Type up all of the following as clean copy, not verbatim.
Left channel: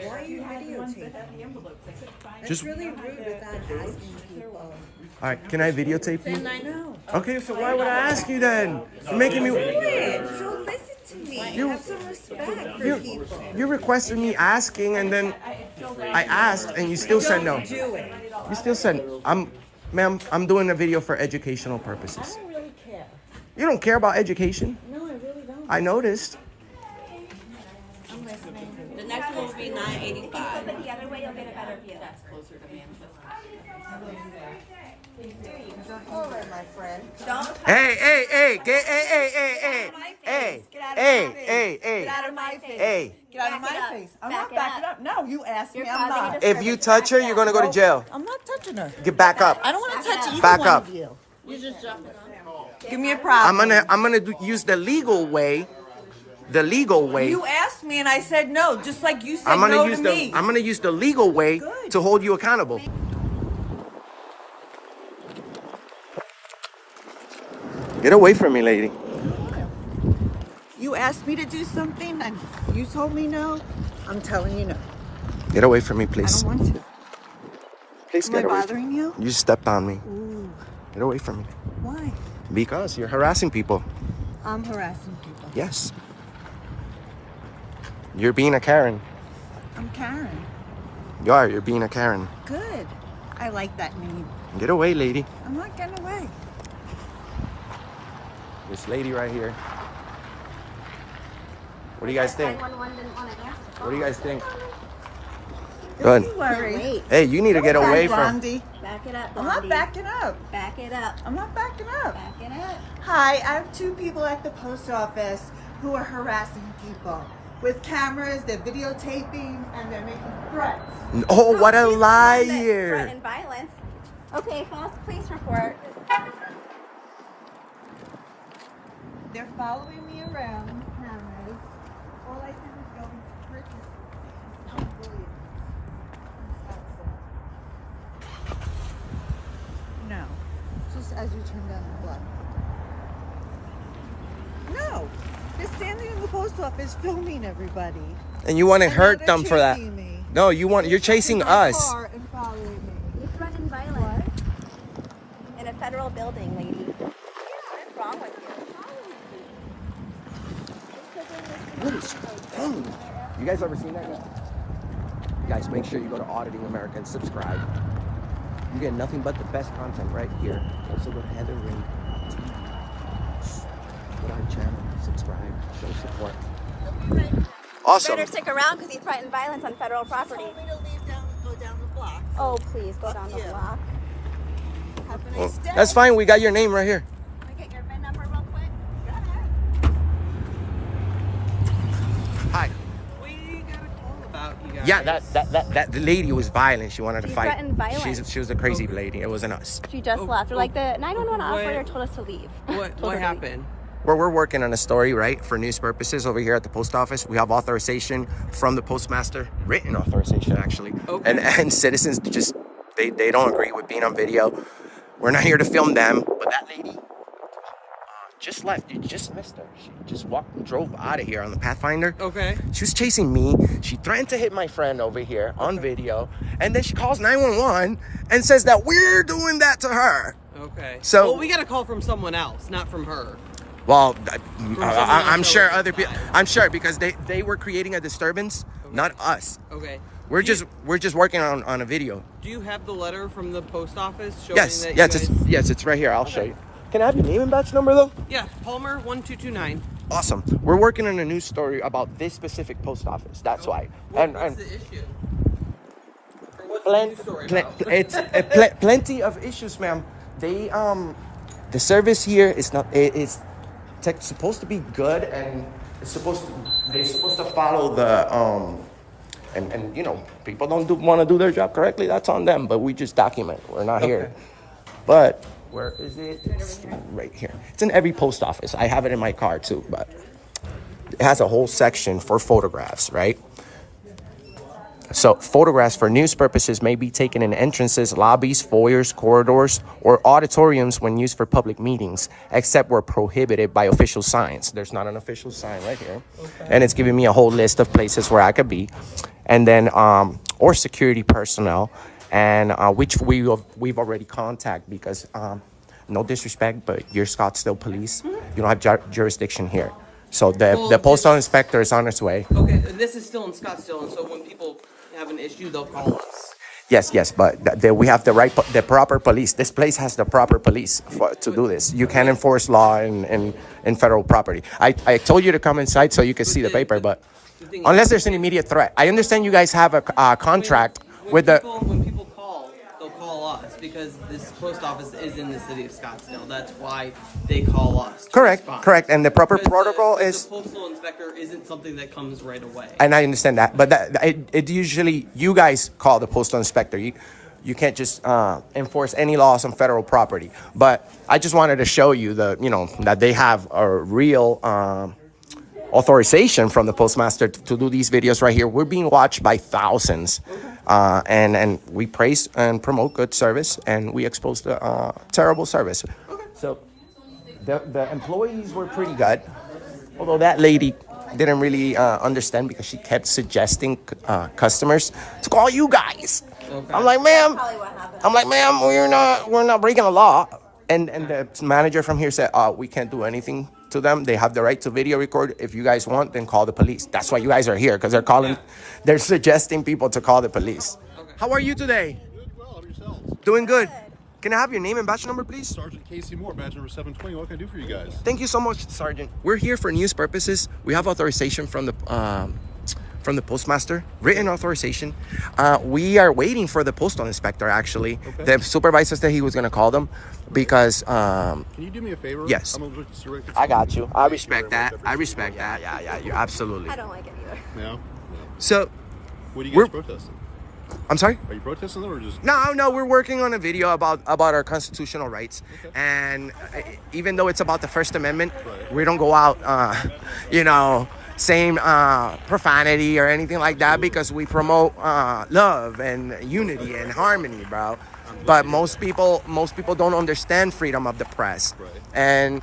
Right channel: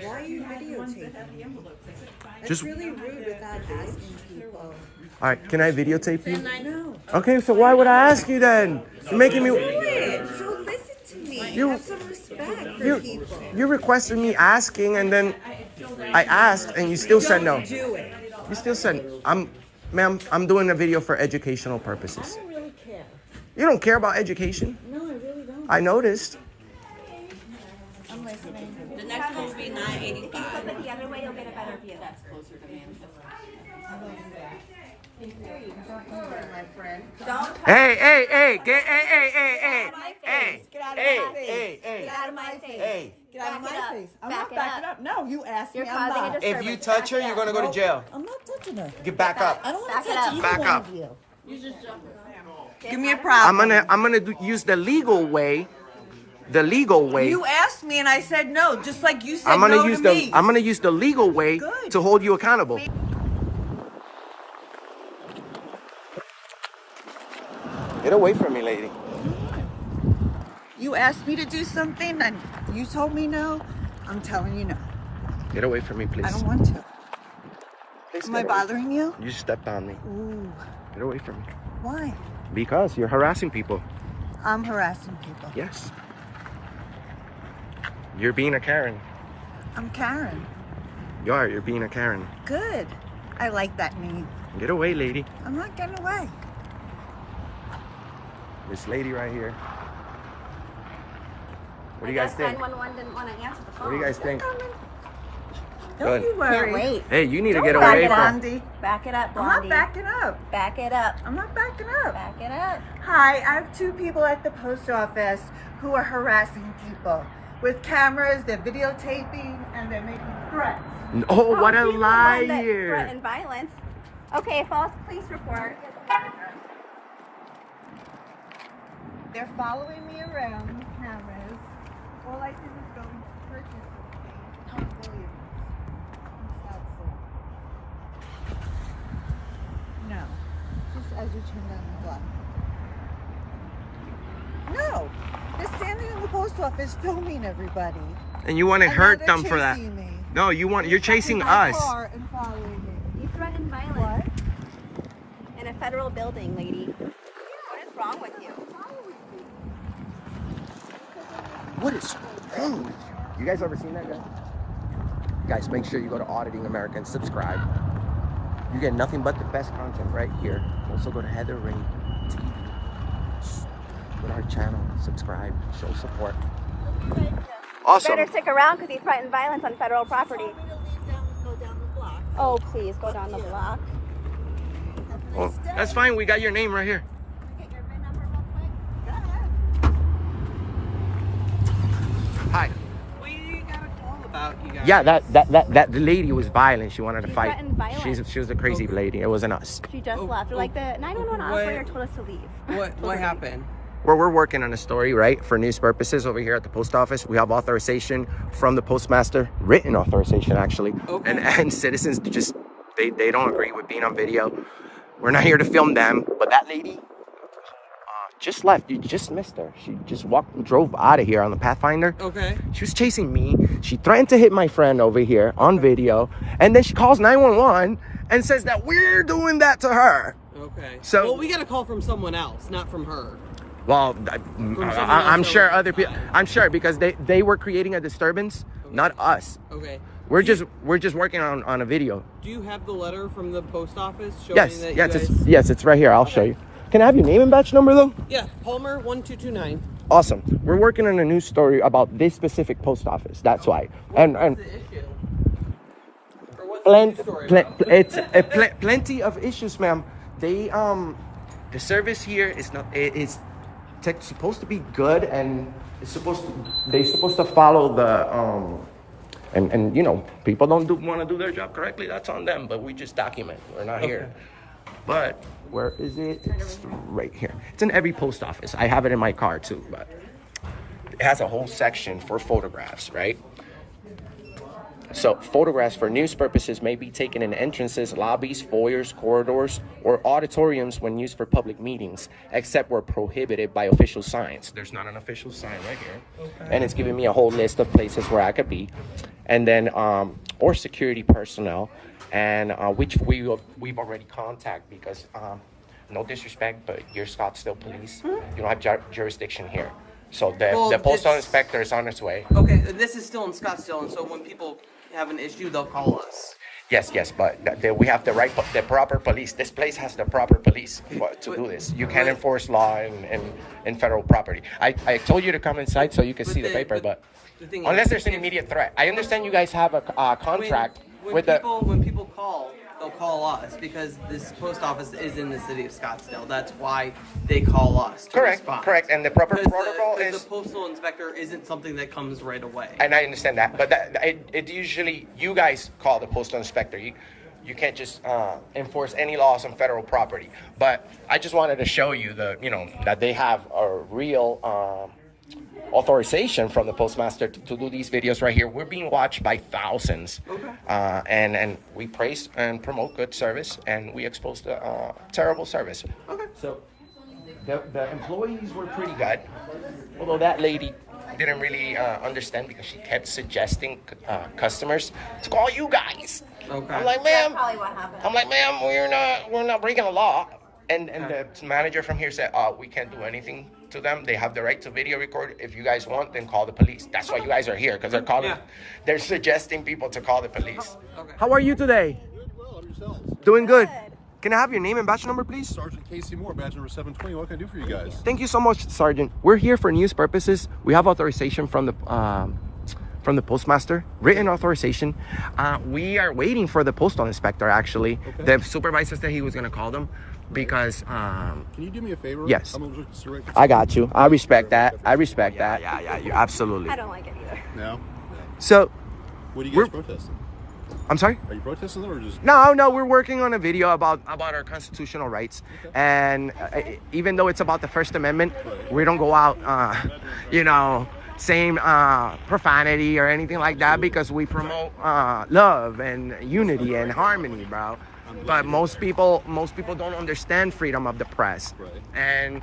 Why are you videotaping? Just It's really rude without asking people. all right. Can I videotape you? No. Okay, so why would I ask you then? You're making me. Do it. So listen to me. You- Have some respect for people. You requested me asking, and then I asked, and you still said no. Do it. You still said, ma'am, I'm doing a video for educational I purposes. don't really care. You don't care about education? No, I really don't. I noticed. I'm listening. The next one will be 985. Flip it the other way, you'll get a better view. Don't. Hey, Get out of my face. hey. Get out of my face. Hey, Get out of Back it my up. face. I'm Back not it backing up. up. No, you asked You're me. I'm causing a not. disturbance. if you touch her, you're gonna go to jail. I'm not touching her. Get back up. I don't want Back to it touch up. either Back one up. of you. Give me a problem. I'm gonna use the legal way. The legal way. You asked me and I said no, just like you said I'm gonna no use to the me. I'm gonna use the legal way Good. to hold you accountable. Get away from me, lady. You asked me to do something and you told me no. I'm telling you no. Get away from me, I please. don't want to. Please Am I get away. bothering you? You stepped on me. Ooh. Get away from me. Why? Because you're harassing people. I'm harassing people. Yes. You're being a Karen. I'm Karen. You are. You're being a Karen. Good. I like that name. Get away, lady. I'm not getting away. This lady right here. What do you guys think? 911 didn't want to answer the What do you guys think? Don't Good. you worry. Can't wait. Hey, you need to get Don't away back from. Blondie. Back it up, I'm Blondie. not backing up. Back it up. I'm not backing up. Back it up. Hi, I have two people at the post office who are harassing people with cameras. They're videotaping and they're making threats. Oh, what a She's the one that liar! threatened violence. Okay, false police report. They're following me around with cameras. All I did was go and purchase something on Williams in Scottsdale. No, just as you turn down the block. No, they're standing in the post office filming everybody. And you want to And hurt now them they're for that? chasing me. No, you're chasing In my us. car and following me. You threatened violence What? in a federal building, lady. What is wrong with you? What is wrong with you? You guys ever seen that guy? Guys, make sure you go to Auditing America and subscribe. You get nothing but the best content right here. Also go to Heather Ray TV. Go to her channel, subscribe, show support. Awesome. Better stick around because he threatened violence on federal property. Told me to leave go down the block. Oh, please go down the you. block. Have a Well, nice day. that's fine. We got your name right here. Can I get your VIN number real quick? Go ahead. Hi. What do you got a call about, you guys? Yeah, that the lady was violent. She wanted to She fight. threatened violence. She was a crazy lady. It wasn't us. She just left. Like the 911 operator told us to leave. What happened? Where we're working on a story, right, for news purposes over here at the post office. We have authorization from the postmaster, written authorization actually, Okay. and citizens just they don't agree with being on video. We're not here to film them, but that lady just left. You just missed her. She just drove out of here on the Pathfinder. Okay. She was chasing me. She threatened to hit my friend over here on video, and then she calls 911 and says that we're doing that to her. Okay. So- well, we got a call from someone else, not from her. Well, someone I'm else sure over other the people. side. I'm sure because they were creating a disturbance, not us. Okay. We're just working on a video. Do you have the letter from the post office showing Yes, that yes, you guys... yes, it's right here. I'll show you. Can I have your name and batch number though? Yeah, Palmer 1229. Awesome. We're working on a news story about this specific post office. That's why. And What's the issue? Or what's the plenty, news story about? it's plenty of issues, ma'am. They the service here is not. It's supposed to be good, and they're supposed to follow the and you know, people don't want to do their job correctly. That's on them. But we just document. We're not here. But where is it? It's right here. It's in every post office. I have it in my car too, but it has a whole section for photographs, right? So photographs for news purposes may be taken in entrances, lobbies, foyers, corridors, or auditoriums when used for public meetings, except where prohibited by official signs. There's not an official sign right here. And it's giving me a whole list of places where I could be. And then, or security personnel, and which we've already contacted because, no disrespect, but you're Scottsdale police. You don't have jurisdiction here. So the postal inspector is on its way. Okay, this is still in Scottsdale, and so when people have an issue, they'll call us. Yes, but we have the proper police. This place has the proper police to do this. You can't enforce law in federal property. I told you to come inside so you can see the paper, but unless there's an immediate threat. I understand you guys have a contract with when people call, they'll call us because this post office is in the city of Scottsdale. That's why they call us. Correct. And the proper protocol is the postal inspector isn't something that comes right away. And I understand that, but it usually you guys call the postal inspector. You can't just enforce any laws on federal property. But I just wanted to show you that they have a real authorization from the postmaster to do these videos right here. We're being watched by thousands. Okay. And we praise and promote good service, and we expose the terrible service. Okay. So the employees were pretty good, although that lady didn't really understand because she kept suggesting customers to call you guys. Okay. I'm like, ma'am, Probably what happened. I'm like, ma'am, we're not breaking the law. And the manager from here said, we can't do anything to them. They have the right to video record. If you guys want, then call the police. That's why you guys are here, because they're calling, they're suggesting people to call the police. Okay. How are you today? Good, well, how are yourselves? Doing good. Can I have your name and badge number, please? Sergeant Casey Moore, badge number 720. What can I do for you guys? Thank you so much, Sergeant. We're here for news purposes. We have authorization from the postmaster, written authorization. We are waiting for the postal inspector, actually. Okay. The supervisor said he was going to call them because... Can you do me a favor? Yes. I got you. I respect that. I respect that. Yeah, you absolutely. I don't like it either. No? So... What are you guys protesting? I'm sorry? Are you protesting them or just... No, we're working on a video about our constitutional rights. Okay. And even though it's about the First Amendment, we don't go out, saying profanity or anything like that, because we promote love and unity and harmony, bro. But most people don't understand freedom of the press. Right. And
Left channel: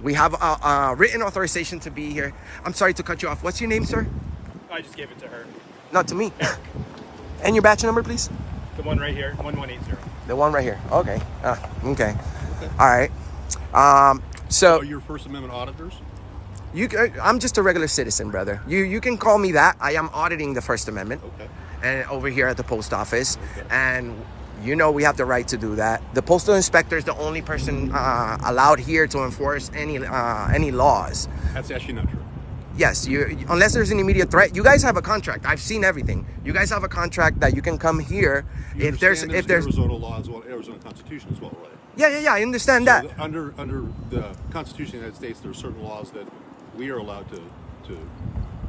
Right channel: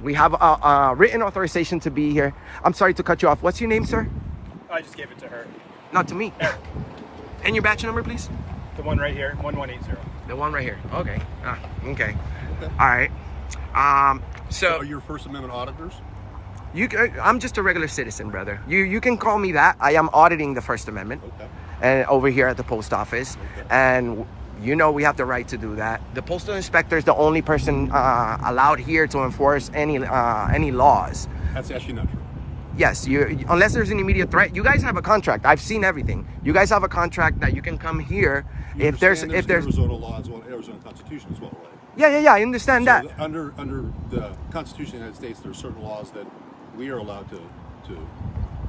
we have a written authorization to be here. I'm sorry to cut you off. What's your name, sir? I just gave it to her. Not to me. And your badge number, please? The one right here, 1180. The one right here. Okay. Okay. All right. So are your First Amendment auditors? I'm just a regular citizen, brother. You can call me that. I am auditing the First Amendment. Okay. And over here at the post office. Okay. And we have the right to do that. The postal inspector is the only person allowed here to enforce any laws. That's actually not true. Yes, unless there's an immediate threat. You guys have a contract. I've seen everything. You guys have a contract that you can come here if there's Arizona law as well, Arizona Constitution as well, right? Yeah. I understand that. Under the Constitution of the United States, there are certain laws that we are allowed to.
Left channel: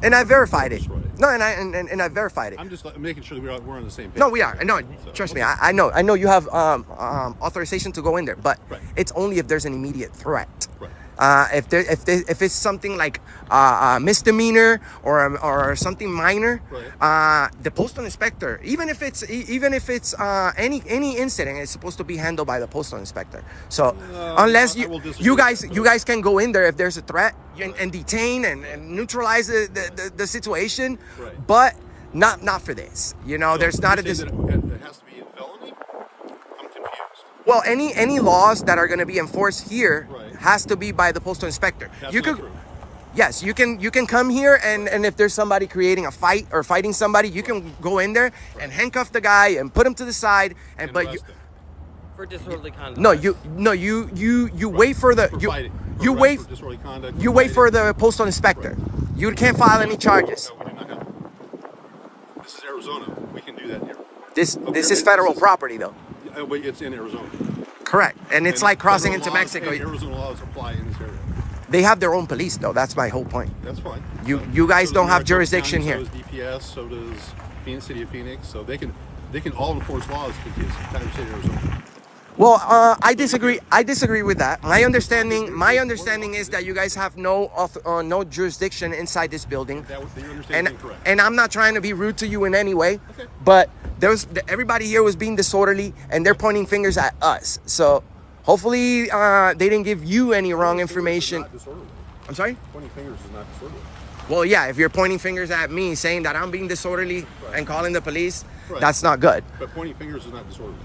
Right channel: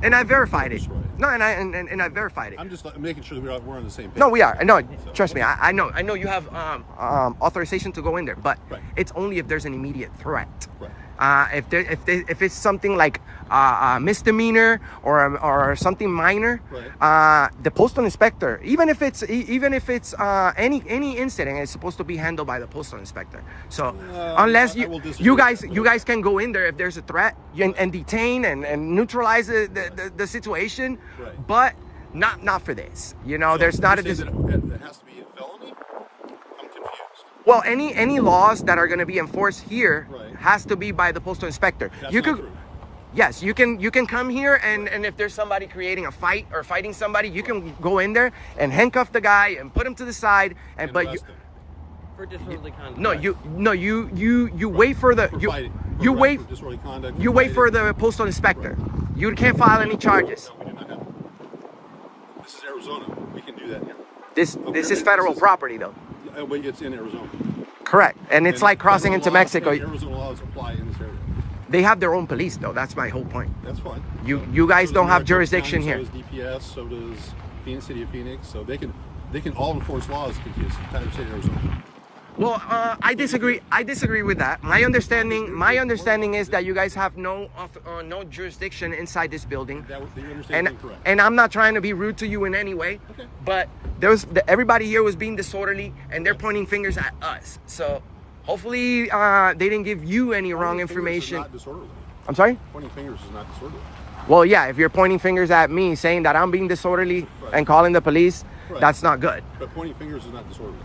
And I verified it. Right. No, and I verified it. I'm just making sure that we're on the same page. No, we are. No, trust me. I know you have authorization to go in there, but it's only if there's an immediate threat. Right. If it's something like a misdemeanor or something minor, the postal inspector, even if it's any incident, it's supposed to be handled by the postal inspector. So unless you guys can go in there if there's a threat and detain and neutralize the situation, but not for this. There's not it has to be a felony. I'm confused. Well, any laws that are going to be enforced here has to be by the postal inspector. That's not true. Yes, you can come here and if there's somebody creating a fight or fighting somebody, you can go in there and handcuff the guy and put him to the side and for disorderly conduct. You wait for the you wait for the postal inspector. You can't file any charges. No, we do not have. This is Arizona. We can do that here. This is federal property though. But it's in Arizona. Correct, and it's like crossing into Mexico. Arizona laws apply in this area. They have their own police, though. That's my whole point. That's fine. You guys don't have jurisdiction here. So does DPS. So does Phoenix, City of Phoenix. So they can all enforce laws in the entire state of Arizona. Well, I disagree. I disagree with that. My understanding is that you guys have no jurisdiction inside this building. Your understanding is correct. And I'm not trying to be rude to you in any way, Okay. but everybody here was being disorderly, and they're pointing fingers at us. So hopefully they didn't give you any wrong information. Not disorderly. I'm sorry? Pointing fingers is not disorderly. Well, yeah, if you're pointing fingers at me, saying that I'm being disorderly and calling the police, Right. that's not good. But pointing fingers is not disorderly.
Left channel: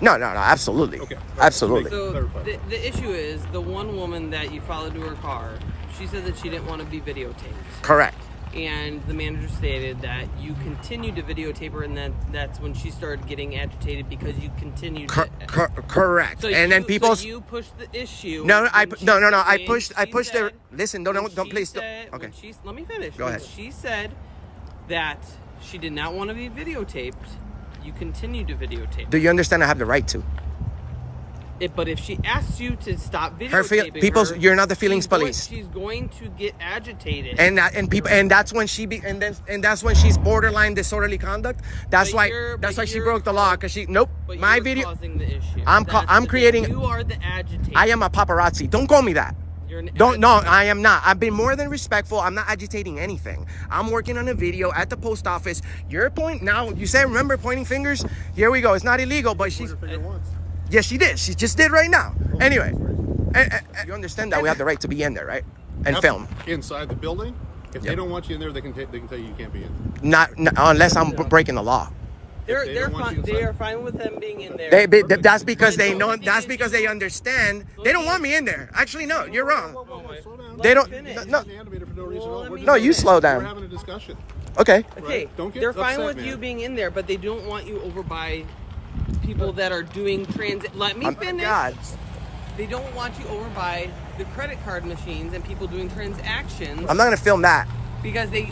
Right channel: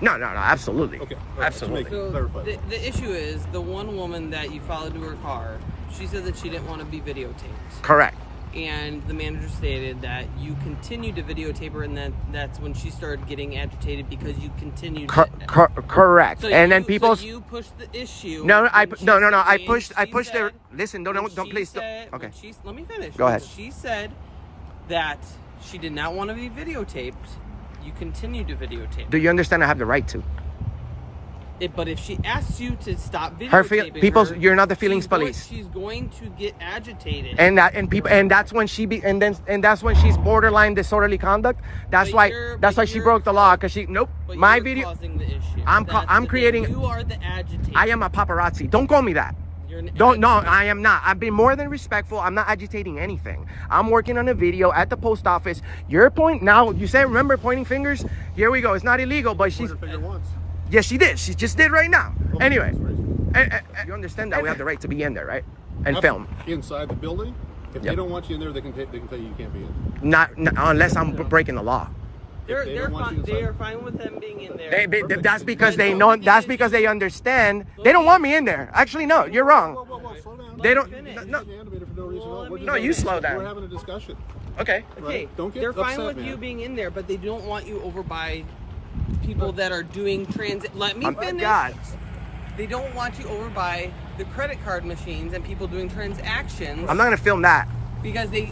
No, absolutely. Okay. All right, Absolutely. so So clarify. the issue is the one woman that you followed to her car. She said that she didn't want to be videotaped, Correct. and the manager stated that you continued to videotape her, and that's when she started getting agitated because you continued. Correct. So And then so people. you pushed the issue. No, when I she no. said- I when pushed. I she pushed their. said- Listen. when Don't she please. said- Okay. when let me finish. Go When ahead. She said that she did not want to be videotaped. You continued to videotape. Do you understand? I have the right to. But if she asks you to stop Her videotaping her, you're not the feelings she's going- police. She's going to get agitated. And that's when that's when she's borderline disorderly conduct. That's But why you're- she broke the law, because But my you're video. causing the issue. I'm That's the creating- thing. You are the agitator. I am a paparazzi. Don't call me that. You're an No, agitator. I am not. I've been more than respectful. I'm not agitating anything. I'm working on a video at the post office. Your point now, you said, remember pointing fingers? Here we go. It's not illegal, but she's. Pointer finger once. Yes, she did. She just did right now. Anyway, you understand that we have the right to be in there, right? And film. Inside the building. If Yep. they don't want you in there, they can tell you you can't be in. Not unless I'm breaking the law. If they don't want you They inside- are fine with them being in there. That's because they Then know. don't That's get because into- they understand. They don't want me in there. Actually, no, you're wrong. Whoa, slow down. They don't. Finish. No. You're animated for no reason at all. Well, We're let just me- No, you slow down. We're having a discussion. Okay. Okay, Right? Don't get they're fine upset, with man. you being in there, but they don't want you over by people that are doing transit. Let me finish. God. They don't want you over by the credit card machines and people doing transactions I'm not gonna film that. because they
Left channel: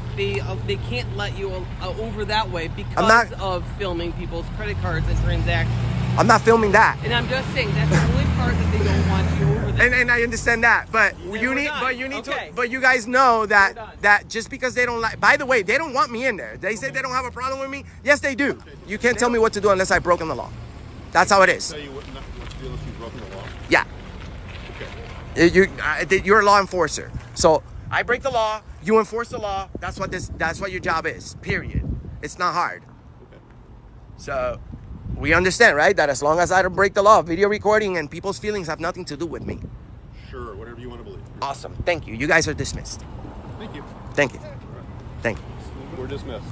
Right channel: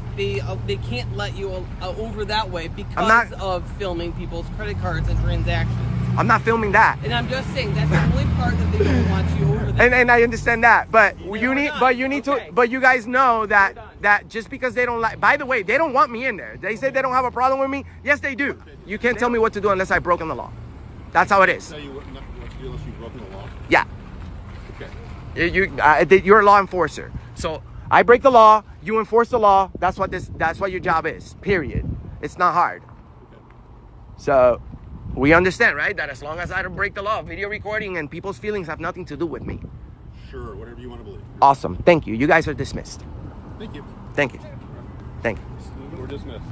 can't let you over that way because I'm not- of filming people's credit cards and transactions. I'm not filming that. And I'm just saying that's the only part that they don't want you over there. And I understand that, but we're you need, done. but you need Okay. to, but you guys know that We're done. that just because they don't like. By the way, they don't want me in there. They say they don't have a problem with me. Yes, they do. You can't tell me what to do unless I've broken the law. That's how it is. Tell you what to do unless you've broken the law. Yeah, Okay. you're a law enforcer. So I break the law, you enforce the law. That's what your job is. Period. It's not hard. Okay. So we understand, right? That as long as I don't break the law, video recording and people's feelings have nothing to do with me. Sure. Whatever you want to believe. Awesome. Thank you. You guys are dismissed. Thank you. Thank you. Thank you. We're dismissed.